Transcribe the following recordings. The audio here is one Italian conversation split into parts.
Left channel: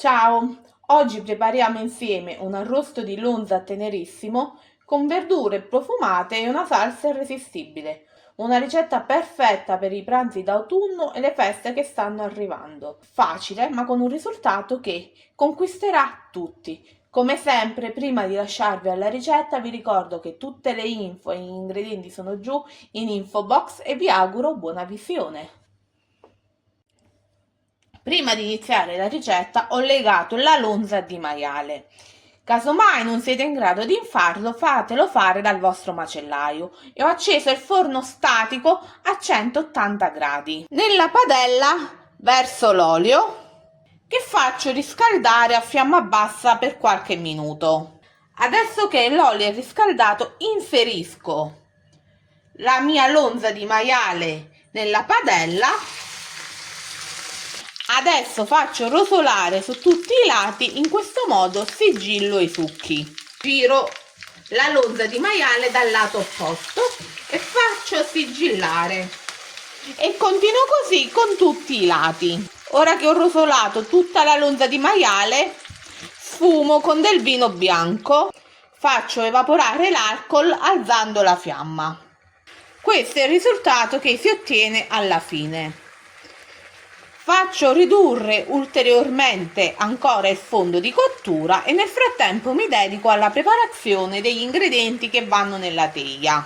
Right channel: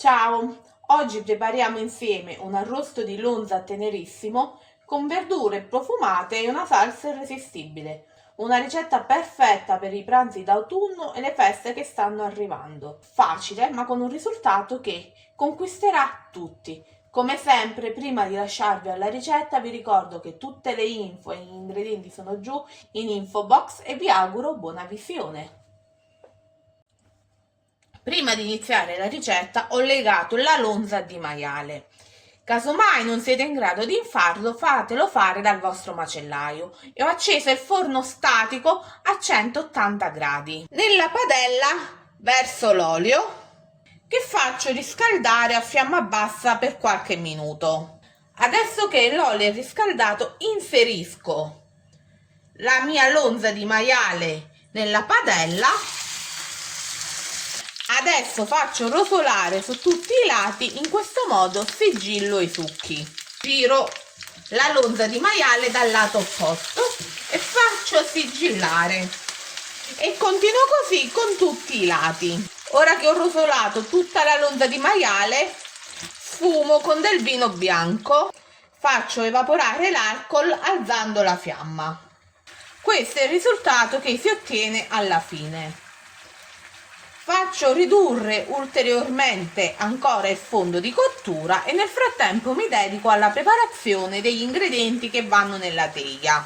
Ciao, oggi prepariamo insieme un arrosto di lonza tenerissimo con verdure profumate e una salsa irresistibile. Una ricetta perfetta per i pranzi d'autunno e le feste che stanno arrivando. Facile, ma con un risultato che conquisterà tutti. Come sempre, prima di lasciarvi alla ricetta, vi ricordo che tutte le info e gli ingredienti sono giù in info box e vi auguro buona visione. Prima di iniziare la ricetta ho legato la lonza di maiale. Casomai non siete in grado di farlo, fatelo fare dal vostro macellaio e ho acceso il forno statico a 180 gradi. Nella padella verso l'olio che faccio riscaldare a fiamma bassa per qualche minuto. Adesso che l'olio è riscaldato, inserisco la mia lonza di maiale nella padella. Adesso faccio rosolare su tutti i lati, in questo modo sigillo i succhi. Giro la lonza di maiale dal lato opposto e faccio sigillare. E continuo così con tutti i lati. Ora che ho rosolato tutta la lonza di maiale, sfumo con del vino bianco. Faccio evaporare l'alcol alzando la fiamma. Questo è il risultato che si ottiene alla fine. Faccio ridurre ulteriormente ancora il fondo di cottura e nel frattempo mi dedico alla preparazione degli ingredienti che vanno nella teglia.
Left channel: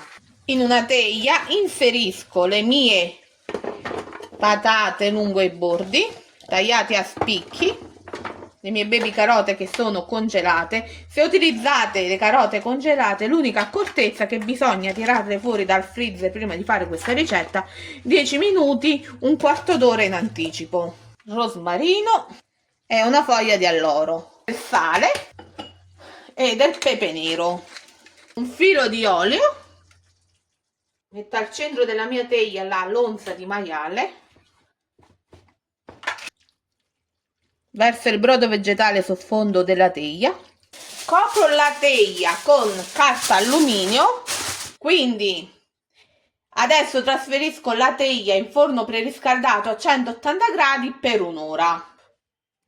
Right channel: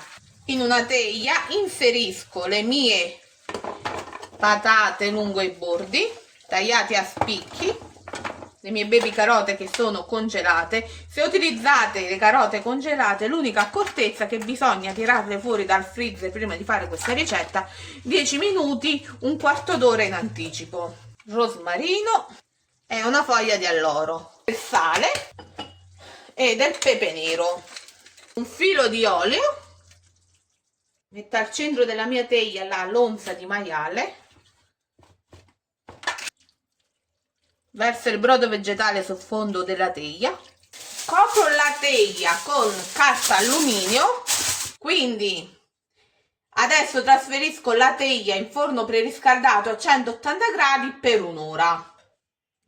In una teglia inserisco le mie patate lungo i bordi, tagliate a spicchi, le mie baby carote che sono congelate. Se utilizzate le carote congelate, l'unica accortezza è che bisogna tirarle fuori dal freezer prima di fare questa ricetta 10 minuti, un quarto d'ora in anticipo. Rosmarino e una foglia di alloro, del sale e del pepe nero, un filo di olio. Metto al centro della mia teglia la lonza di maiale. Verso il brodo vegetale sul fondo della teglia. Copro la teglia con carta alluminio. Quindi adesso trasferisco la teglia in forno preriscaldato a 180 gradi per un'ora.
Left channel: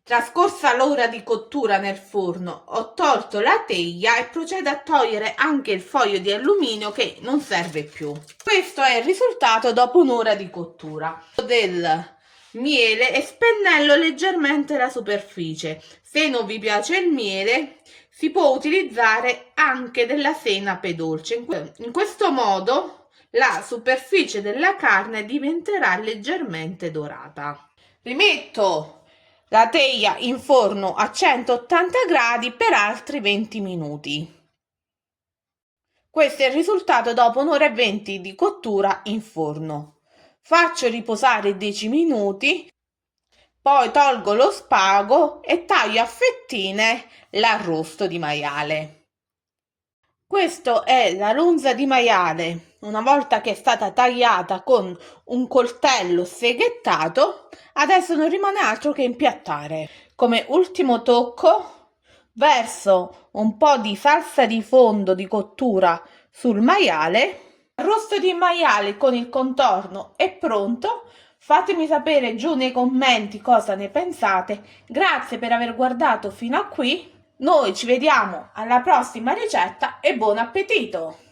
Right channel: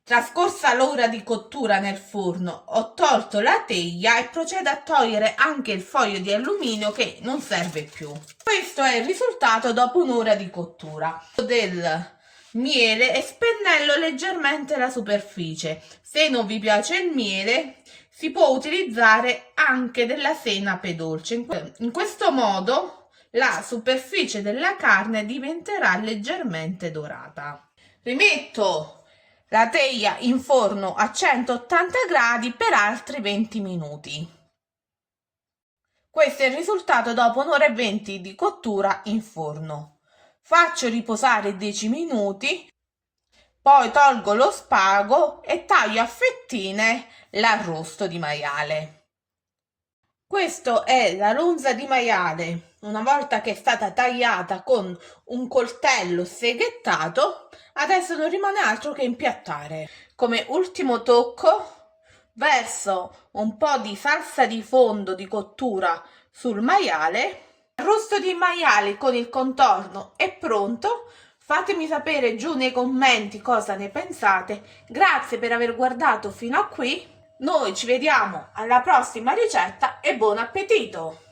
Trascorsa l'ora di cottura nel forno, ho tolto la teglia e procedo a togliere anche il foglio di alluminio che non serve più. Questo è il risultato dopo un'ora di cottura del miele e spennello leggermente la superficie. Se non vi piace il miele, si può utilizzare anche della senape dolce. In questo modo la superficie della carne diventerà leggermente dorata. Rimetto la teglia in forno a 180 gradi per altri 20 minuti. Questo è il risultato dopo un'ora e 20 di cottura in forno. Faccio riposare 10 minuti, poi tolgo lo spago e taglio a fettine l'arrosto di maiale. Questo è la lonza di maiale. Una volta che è stata tagliata con un coltello seghettato, adesso non rimane altro che impiattare. Come ultimo tocco, verso un po' di salsa di fondo di cottura sul maiale. L'arrosto di maiali con il contorno è pronto. Fatemi sapere giù nei commenti cosa ne pensate. Grazie per aver guardato fino a qui. Noi ci vediamo alla prossima ricetta e buon appetito!